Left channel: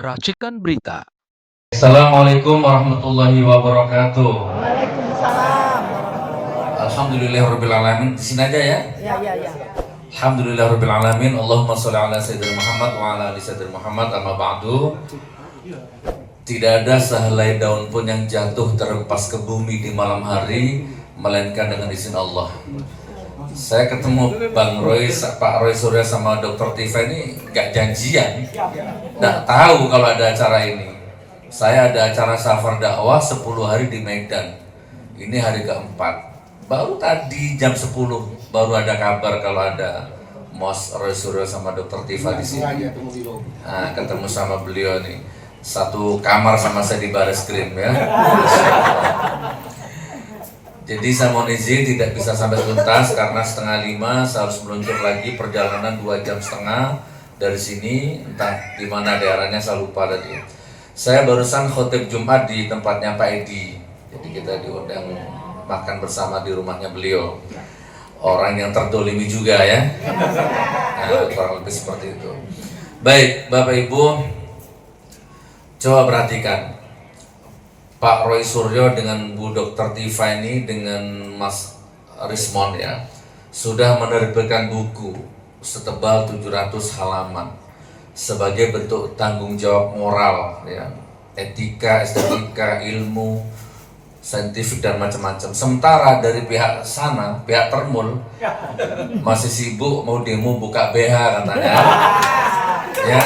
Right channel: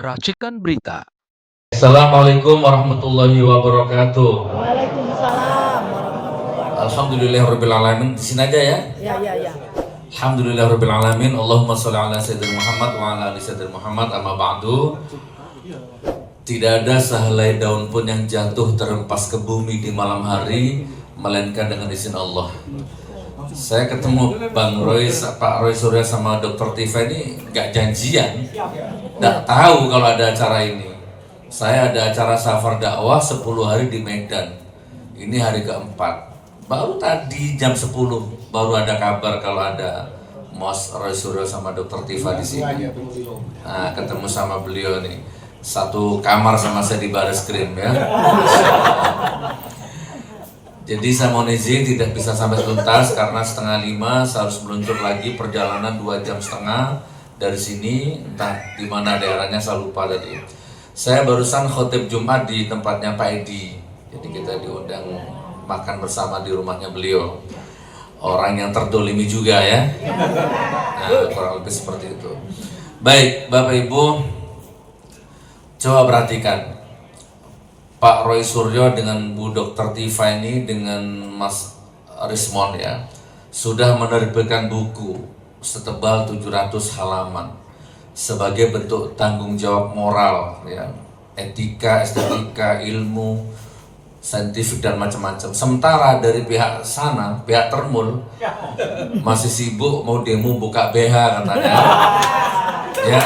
Racikan Berita. Assalamualaikum warahmatullahi wabarakatuh. Waalaikumsalam warahmatullahi wabarakatuh. Alhamdulillahirrabbilalamin. Di sini aja ya. Ya. Alhamdulillahirrabbilalamin. Allahumma sholli ala sayyidina Muhammad wa ala ali sayyidina Muhammad. Amma ba'du. Tidak ada sehelai daun pun yang jatuh terlepas ke bumi di malam hari melainkan dengan izin Allah. Saya ketemu Bang Roy, Pak Roy Surya sama Dr. Tifa ini gak janjian, gak tahu kalau ada acara ini. Saya ada acara safar dakwah 10 hari di Medan. Ini hari keempat. Baru tadi jam 10 baru ada kabar kalau ada Mas Roy Surya sama Dr. Tifa di sini. Nah, ketemu sama beliau nih. Satu kamar sama saya di Bareskrim ya. Jadi saya mohon izin tidak bisa sampai tuntas karena 4:30 saya harus meluncur lagi perjalanan 2,5 jam dari sini, entah di mana daerahnya saya lupa tadi. Saya barusan khotib Jumat di tempatnya Pak Edi. Jadi kita diundang makan bersama di rumahnya beliau. Orang yang terdolimi juga ya. Nah, kurang lebih seperti itu. Baik, Bapak Ibu, coba perhatikan. Pak Roy Suryo dengan Bu Dr. Tifa ini dengan Mas Rismon ya sudah menerbitkan buku setebal 700 halaman sebagai bentuk tanggung jawab moral ya, etika, estetika, ilmu, saintifik dan macam-macam. Sementara dari pihak sana, pihak Termul masih sibuk mau demo buka BH katanya. Ya.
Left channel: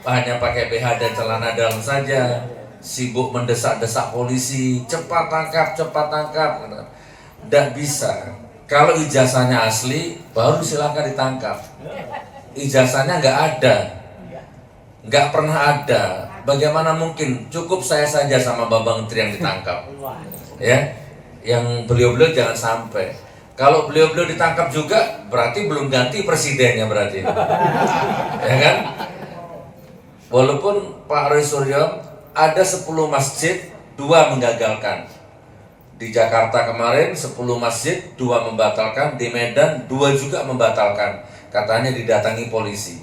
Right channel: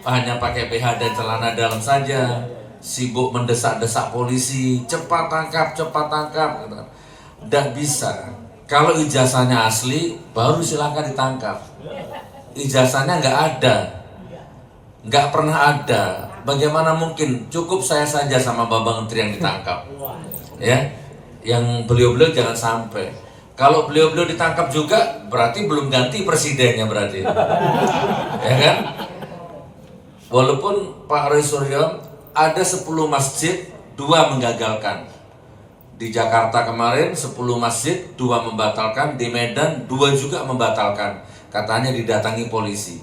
Hanya pakai BH dan celana dalam saja, sibuk mendesak-desak polisi, cepat tangkap. Tidak bisa. Kalau ijazahnya asli, baru silakan ditangkap. Ijazahnya nggak ada, nggak pernah ada. Bagaimana mungkin? Cukup saya saja sama Babang Menteri yang ditangkap, ya. Yang beliau-beliau jangan sampai. Kalau beliau-beliau ditangkap juga, berarti belum ganti presidennya berarti, ya kan? Walaupun Pak Roy Suryo ada 10 masjid, 2 menggagalkan. Di Jakarta kemarin 10 masjid, 2 membatalkan. Di Medan 2 juga membatalkan. Katanya didatangi polisi.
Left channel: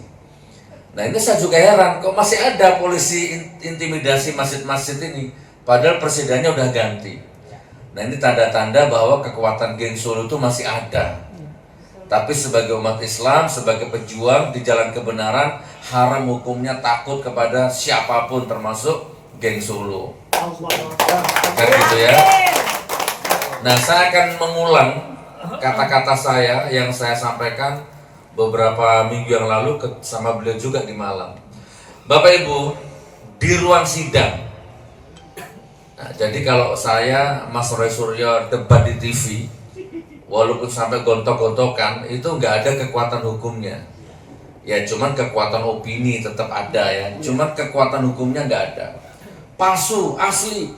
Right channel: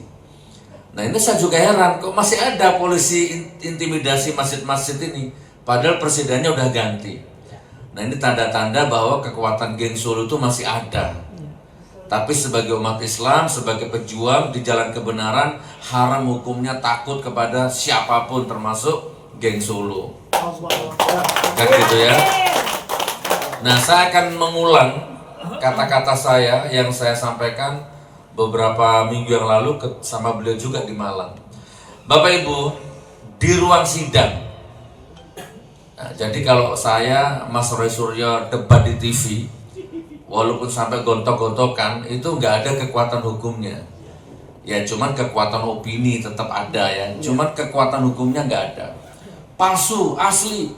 Nah ini saya juga heran, kok masih ada polisi intimidasi masjid-masjid ini. Padahal presidennya udah ganti. Nah ini tanda-tanda bahwa kekuatan geng Solo itu masih ada. Tapi sebagai umat Islam, sebagai pejuang di jalan kebenaran, haram hukumnya takut kepada siapapun termasuk geng Solo. Kan gitu ya. Nah, saya akan mengulang kata-kata saya yang saya sampaikan beberapa minggu yang lalu sama beliau juga di Malang. Bapak Ibu, di ruang sidang. Nah, jadi kalau saya, Mas Roy Suryo debat di TV, walaupun sampai gontok-gontokan itu nggak ada kekuatan hukumnya. Ya cuman kekuatan opini tetap ada ya. Cuman kekuatan hukumnya nggak ada. Palsu, asli.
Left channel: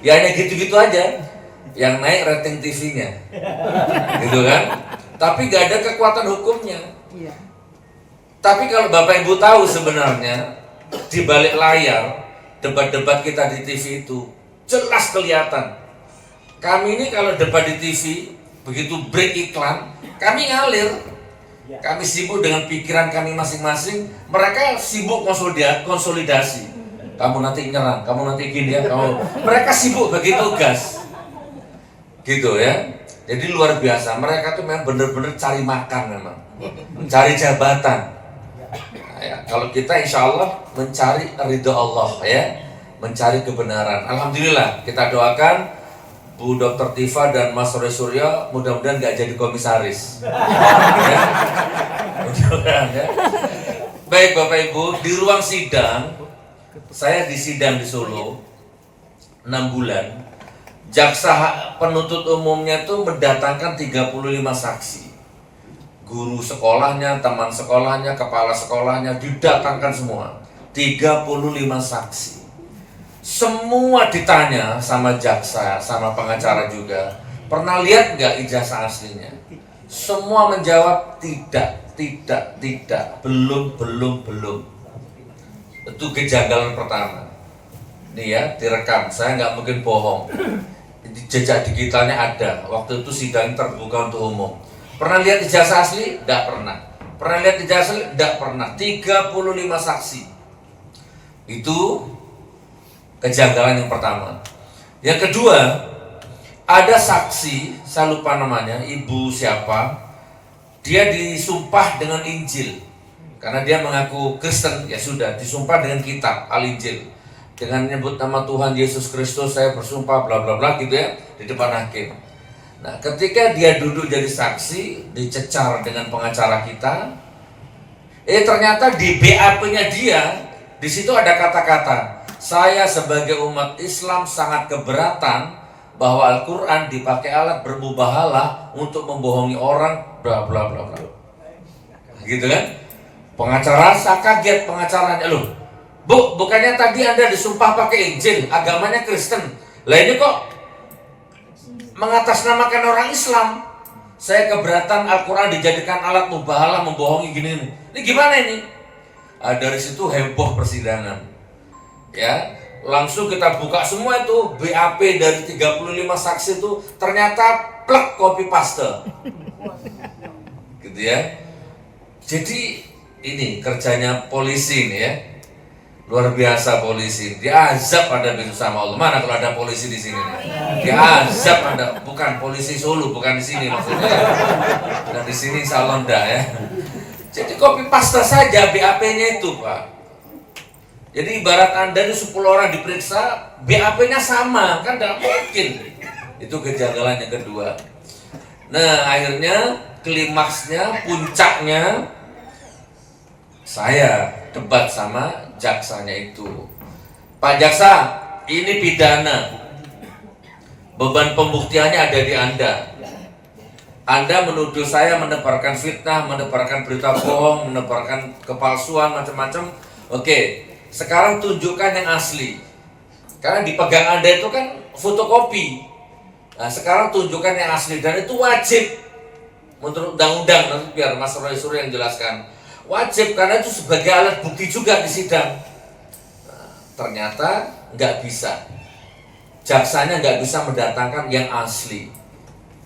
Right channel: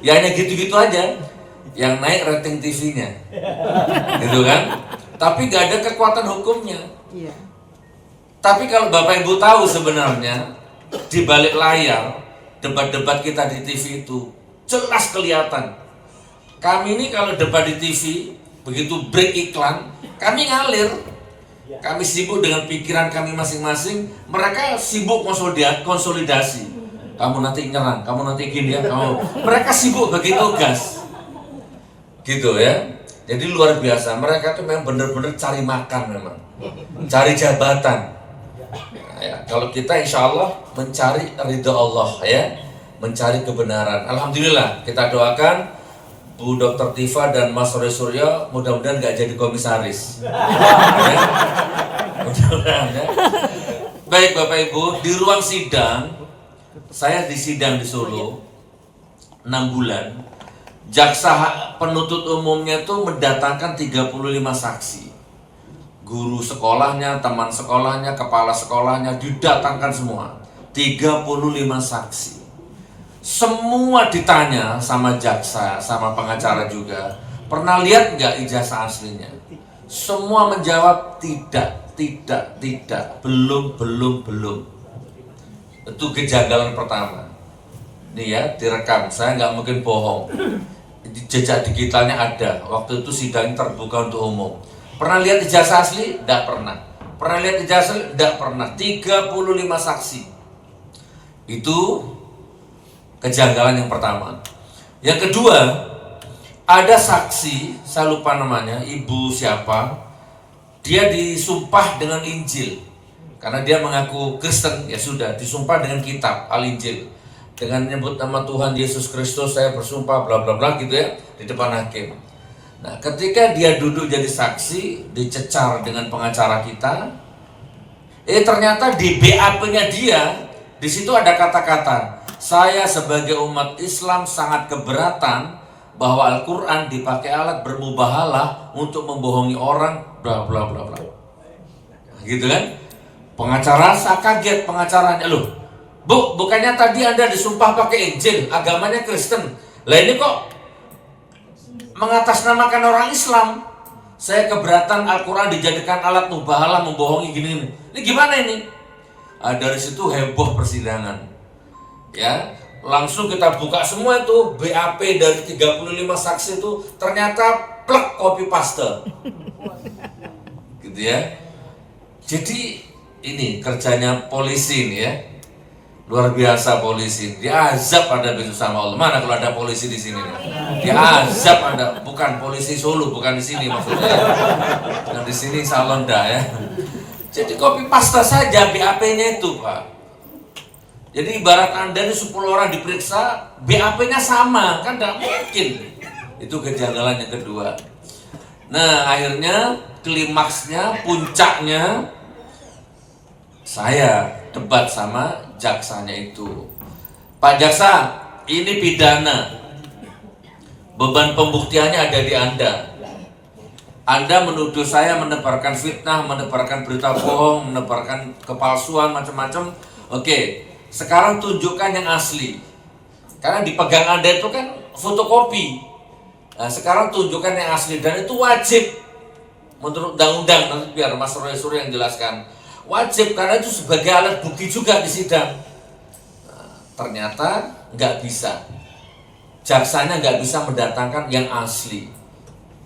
Ya hanya gitu-gitu aja. Yang naik rating TV-nya. Gitu kan? Tapi nggak ada kekuatan hukumnya. Tapi kalau Bapak Ibu tahu sebenarnya di balik layar debat-debat kita di TV itu jelas kelihatan. Kami ini kalau debat di TV, begitu break iklan, kami ngalir. Kami sibuk dengan pikiran kami masing-masing, mereka sibuk konsolidasi. Kamu nanti nyerang, kamu nanti gini ya, mereka sibuk bagi tugas. Gitu ya. Jadi luar biasa, mereka tuh memang benar-benar cari makan memang. Cari jabatan. Nah, ya, kalau kita insya Allah mencari ridho Allah ya, mencari kebenaran. Alhamdulillah, kita doakan Bu Dr. Tifa dan Mas Roy Suryo mudah-mudahan nggak jadi komisaris. Ya? Mudah-mudahan ya. Baik Bapak Ibu, di ruang sidang, saya di sidang di Solo 6 bulan. Jaksa penuntut umumnya tuh mendatangkan 35 saksi. Guru sekolahnya, teman sekolahnya, kepala sekolahnya didatangkan semua. 35 saksi. Semua ditanya sama jaksa, sama pengacara juga. Pernah lihat nggak ijazah aslinya? Semua menjawab tidak, belum. Itu kejanggalan pertama. Nih ya, direkam. Saya nggak mungkin bohong. Jejak digitalnya ada. Waktu itu sidang terbuka untuk umum. Pernah lihat ijazah asli? Tidak pernah. Pernah lihat ijazah? Tidak pernah. 35 saksi. Itu kejanggalan yang pertama. Yang kedua, ada saksi, saya lupa namanya, ibu siapa, dia disumpah dengan Injil. Karena dia mengaku Kristen, ya sudah, disumpah dengan kitab, Al-Injil. Dengan menyebut nama Tuhan Yesus Kristus, saya bersumpah, bla bla bla gitu ya, di depan hakim. Nah, ketika dia duduk jadi saksi, dicecar dengan pengacara kita, ternyata di BAP-nya dia, di situ ada kata-kata, saya sebagai umat Islam sangat keberatan bahwa Al-Quran dipakai alat bermubahalah untuk membohongi orang, bla bla bla bla. Gitu kan? Pengacara, saya kaget pengacaranya, loh, Bu, bukannya tadi Anda disumpah pakai Injil, agamanya Kristen. Lah ini kok mengatasnamakan orang Islam. Saya keberatan Al-Quran dijadikan alat mubahalah membohongi gini. Ini gimana ini? Dari situ heboh persidangan. Ya, langsung kita buka semua itu BAP dari 35 saksi itu ternyata plek copy paste. Gitu ya. Jadi ini kerjanya polisi nih ya. Luar biasa polisi, diazab Anda besok sama Allah. Mana kalau ada polisi di sini nih? Diazab Anda, bukan polisi Solo, bukan di sini maksudnya. Bukan di sini Salonda ya. Jadi copy paste saja BAP-nya itu, Pak. Jadi ibarat Anda ini 10 orang diperiksa, BAP-nya sama, kan tidak mungkin. Itu kejanggalan yang kedua. Nah, akhirnya klimaksnya, puncaknya saya debat sama jaksanya itu. Pak Jaksa, ini pidana. Beban pembuktiannya ada di Anda. Anda menuduh saya menebarkan fitnah, menebarkan berita bohong, menebarkan kepalsuan, macam-macam. Oke, sekarang tunjukkan yang asli. Karena dipegang Anda itu kan fotokopi. Nah, sekarang tunjukkan yang asli. Dan itu wajib. Menurut undang-undang, nanti biar Mas Roy Surya yang jelaskan. Wajib, karena itu sebagai alat bukti juga di sidang. Nah, ternyata nggak bisa. Jaksanya nggak bisa mendatangkan yang asli.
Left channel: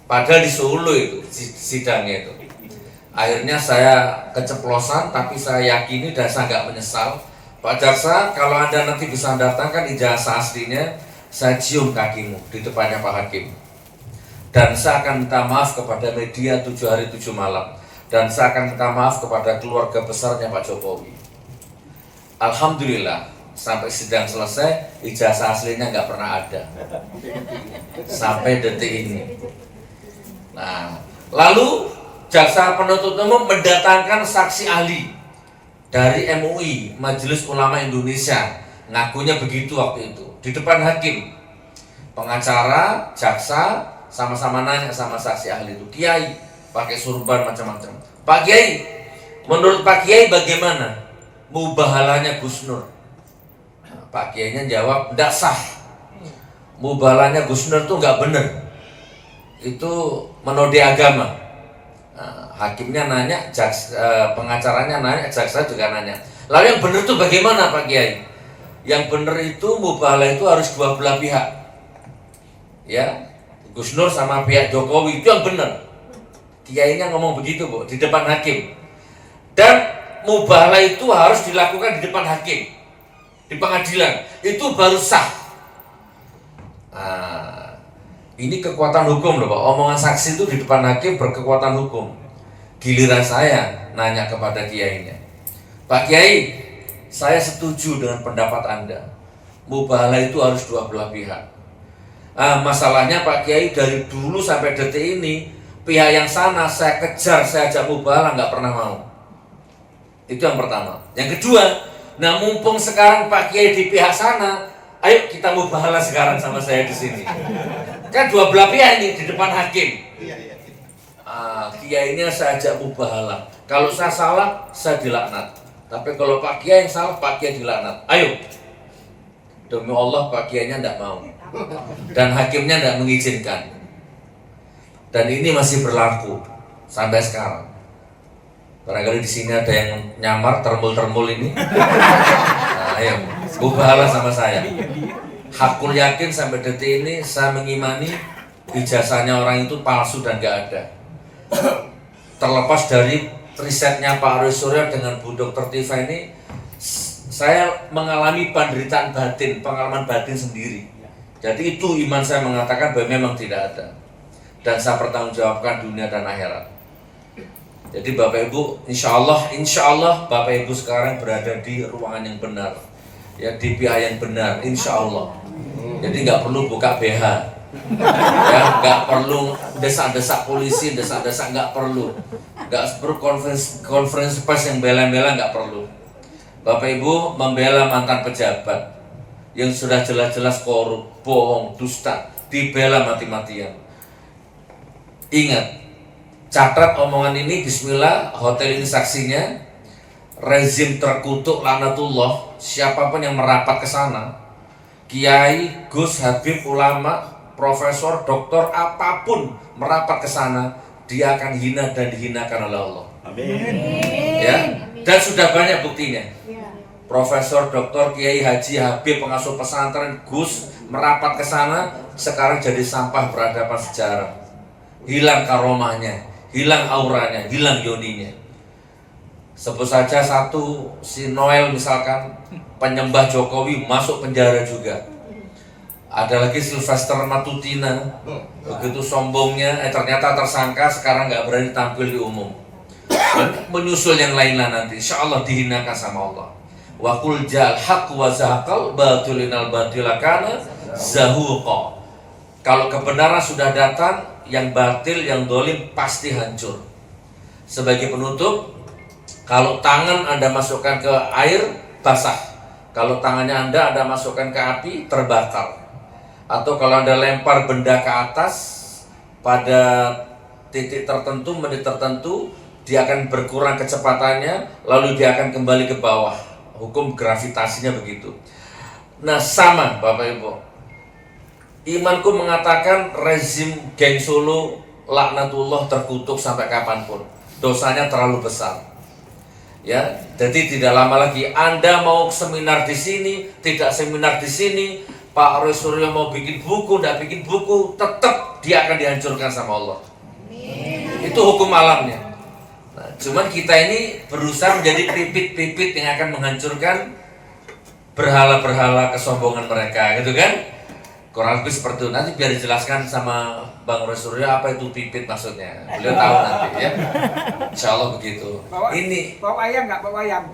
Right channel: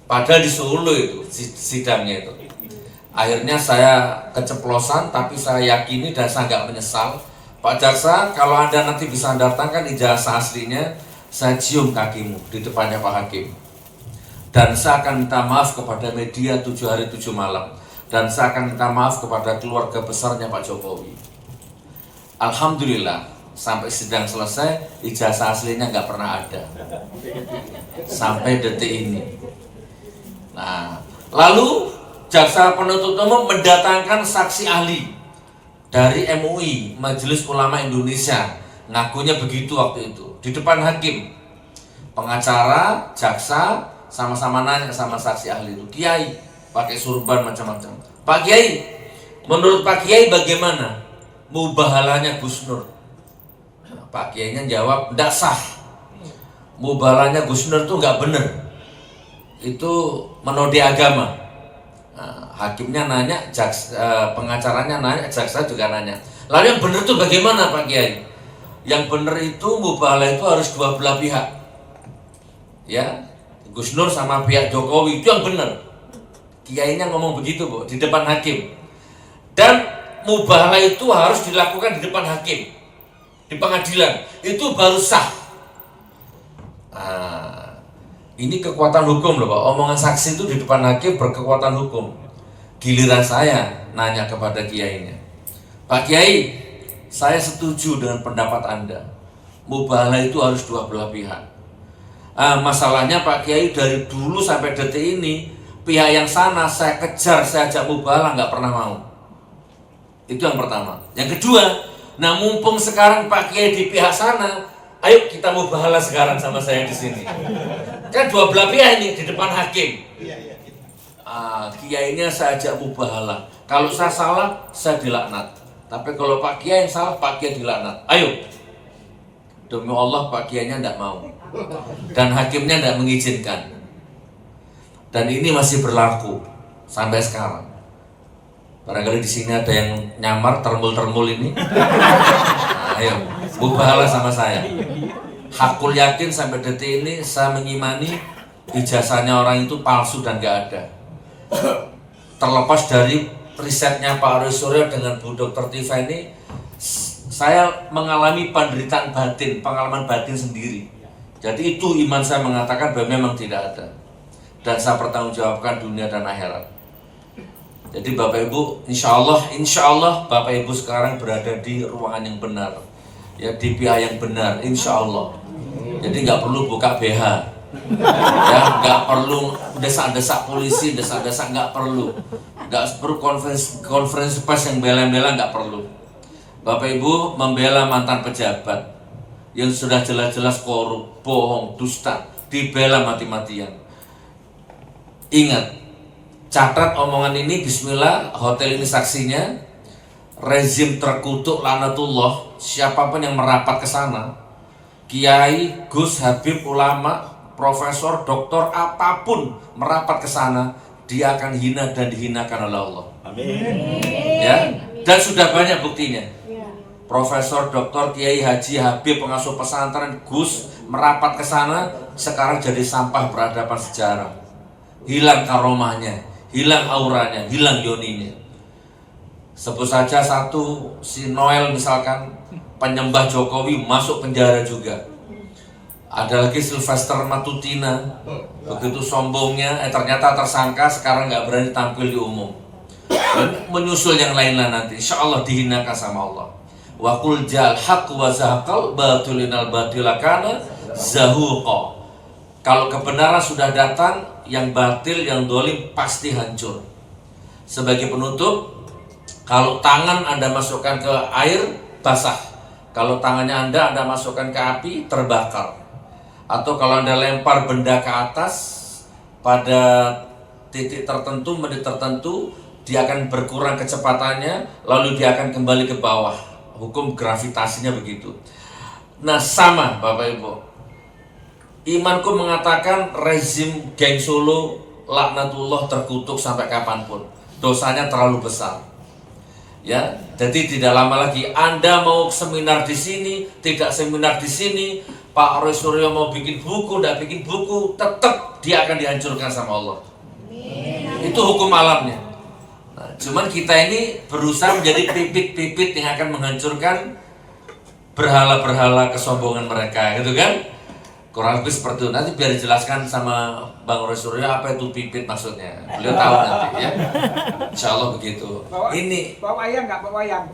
Padahal di Solo itu sidangnya itu. Akhirnya saya keceplosan, tapi saya yakini dan saya nggak menyesal. Pak Jaksa, kalau Anda nanti bisa mendatangkan ijazah aslinya, saya cium kakimu di depannya Pak Hakim. Dan saya akan minta maaf kepada media 7 hari 7 malam. Dan saya akan minta maaf kepada keluarga besarnya Pak Jokowi. Alhamdulillah, sampai sidang selesai, ijazah aslinya nggak pernah ada. Sampai detik ini. Nah, lalu jaksa penuntut umum mendatangkan saksi ahli dari MUI, Majelis Ulama Indonesia. Ngakunya begitu waktu itu, di depan hakim. Pengacara, jaksa, sama-sama nanya sama saksi ahli itu. Kiai, pakai surban macam-macam. Pak Kiai, menurut Pak Kiai bagaimana mubahalahnya Gus Nur? Pak Kiainya jawab, tidak sah. Mubahalahnya Gus Nur itu nggak benar. Itu menodai agama. Nah, hakimnya nanya, pengacaranya nanya, jaksa juga nanya. Lalu yang benar itu bagaimana Pak Kiai? Yang benar itu mubahalah itu harus dua belah pihak. Ya, Gus Nur sama pihak Jokowi itu yang benar. Kiainya ngomong begitu, Bu, di depan hakim. Dan mubahalah itu harus dilakukan di depan hakim, di pengadilan. Itu baru sah. Nah, ini kekuatan hukum loh, Pak. Omongan saksi itu di depan hakim berkekuatan hukum. Giliran saya nanya kepada kiainya, Pak Kiai, saya setuju dengan pendapat Anda. Mubahalah itu harus dua belah pihak. Masalahnya Pak Kiai, dari dulu sampai detik ini pihak yang sana saya kejar, saya ajak mubahalah nggak pernah mau. Itu yang pertama. Yang kedua, nah mumpung sekarang Pak Kiai di pihak sana, ayo kita mubahalah sekarang sama saya di sini. Kan dua belah pihak ini di depan hakim. Kiainya saya ajak mubahalah. Kalau saya salah, saya dilaknat. Tapi kalau Pak Kiai yang salah, Pak Kiai dilaknat. Ayo. Demi Allah Pak Kiainya tidak mau. Dan hakimnya tidak mengizinkan. Dan ini masih berlaku sampai sekarang. Barangkali di sini ada yang nyamar termul-termul ini. Nah, ayo, mubahalah sama saya. Hakul yakin sampai detik ini saya mengimani ijazahnya orang itu palsu dan gak ada. Terlepas dari risetnya Pak Roy Suryo dengan Bu Dr. Tifa ini, saya mengalami penderitaan batin, pengalaman batin sendiri. Jadi itu iman saya mengatakan bahwa memang tidak ada. Dan saya pertanggungjawabkan dunia dan akhirat. Jadi Bapak Ibu, insya Allah Bapak Ibu sekarang berada di ruangan yang benar, ya, di pihak yang benar, insya Allah. Jadi nggak perlu buka BH, ya, nggak perlu desak-desak polisi, desak-desak, nggak perlu konferensi pers yang bela-bela, nggak perlu. Bapak Ibu membela mantan pejabat yang sudah jelas-jelas korup, bohong, dusta, dibela mati-matian. Ingat, catat omongan ini, bismillah, hotel ini saksinya, rezim terkutuk laknatullah, siapapun yang merapat ke sana, kiai, gus, habib, ulama, profesor, doktor, apapun merapat ke sana, dia akan hina dan dihinakan oleh Allah. Amin. Ya, dan sudah banyak buktinya. Profesor, doktor, kiai, haji, habib, pengasuh pesantren, gus merapat ke sana, sekarang jadi sampah peradaban sejarah. Hilang karomahnya, hilang auranya, hilang yoninya. Sebut saja satu, si Noel misalkan, penyembah Jokowi masuk penjara juga. Ada lagi Sylvester Matutina, begitu sombongnya, ternyata tersangka, sekarang nggak berani tampil di umum. Dan menyusul yang lainnya nanti, insya Allah dihinakan sama Allah. Wa qul ja'al haqq wa zahaqal batilinal batilakana zahuqa. Kalau kebenaran sudah datang, yang batil, yang dolim pasti hancur. Sebagai penutup, kalau tangan Anda masukkan ke air, basah. Kalau tangannya Anda masukkan ke api, terbakar. Atau kalau Anda lempar benda ke atas, pada titik tertentu, menit tertentu, dia akan berkurang kecepatannya, lalu dia akan kembali ke bawah. Hukum gravitasinya begitu. Nah, sama Bapak Ibu, imanku mengatakan rezim geng Solo laknatullah terkutuk sampai kapanpun. Dosanya terlalu besar. Ya, jadi tidak lama lagi Anda mau seminar di sini, tidak seminar di sini, Pak Roy Suryo mau bikin buku, tidak bikin buku, tetap dia akan dihancurkan sama Allah. Itu hukum alamnya. Nah, cuman kita ini berusaha menjadi pipit-pipit yang akan menghancurkan berhala-berhala kesombongan mereka, gitu kan? Kurang lebih seperti itu. Nanti biar dijelaskan sama Bang Roy Suryo apa itu pipit maksudnya. Beliau tahu nanti ya. Insya Allah begitu. Bawa ayam nggak? Bawa ayam.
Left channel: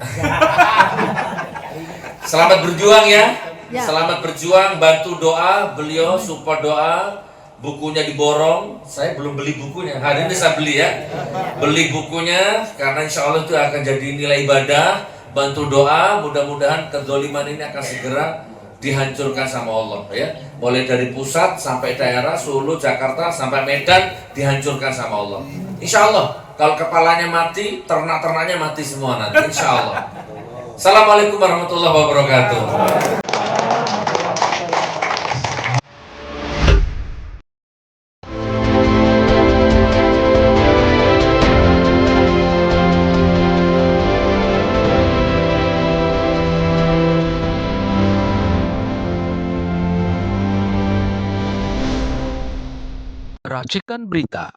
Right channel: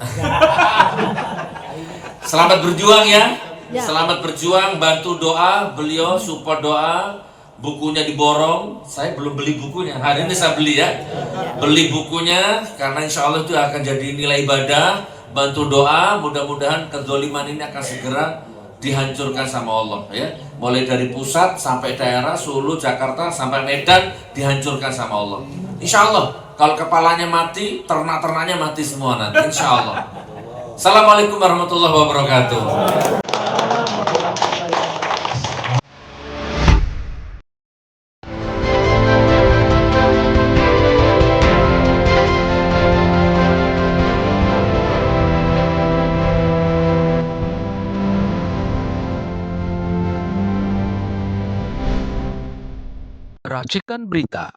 Selamat berjuang ya. Ya. Selamat berjuang, bantu doa, beliau support doa. Bukunya diborong, saya belum beli bukunya. Hari ini saya beli ya. Beli bukunya karena insya Allah itu akan jadi nilai ibadah. Bantu doa, mudah-mudahan kezoliman ini akan segera dihancurkan sama Allah ya. Mulai dari pusat sampai daerah, Solo, Jakarta sampai Medan dihancurkan sama Allah. Insya Allah kalau kepalanya mati, ternak-ternaknya mati semua nanti. Insya Allah. Assalamualaikum warahmatullahi wabarakatuh. Racikan Berita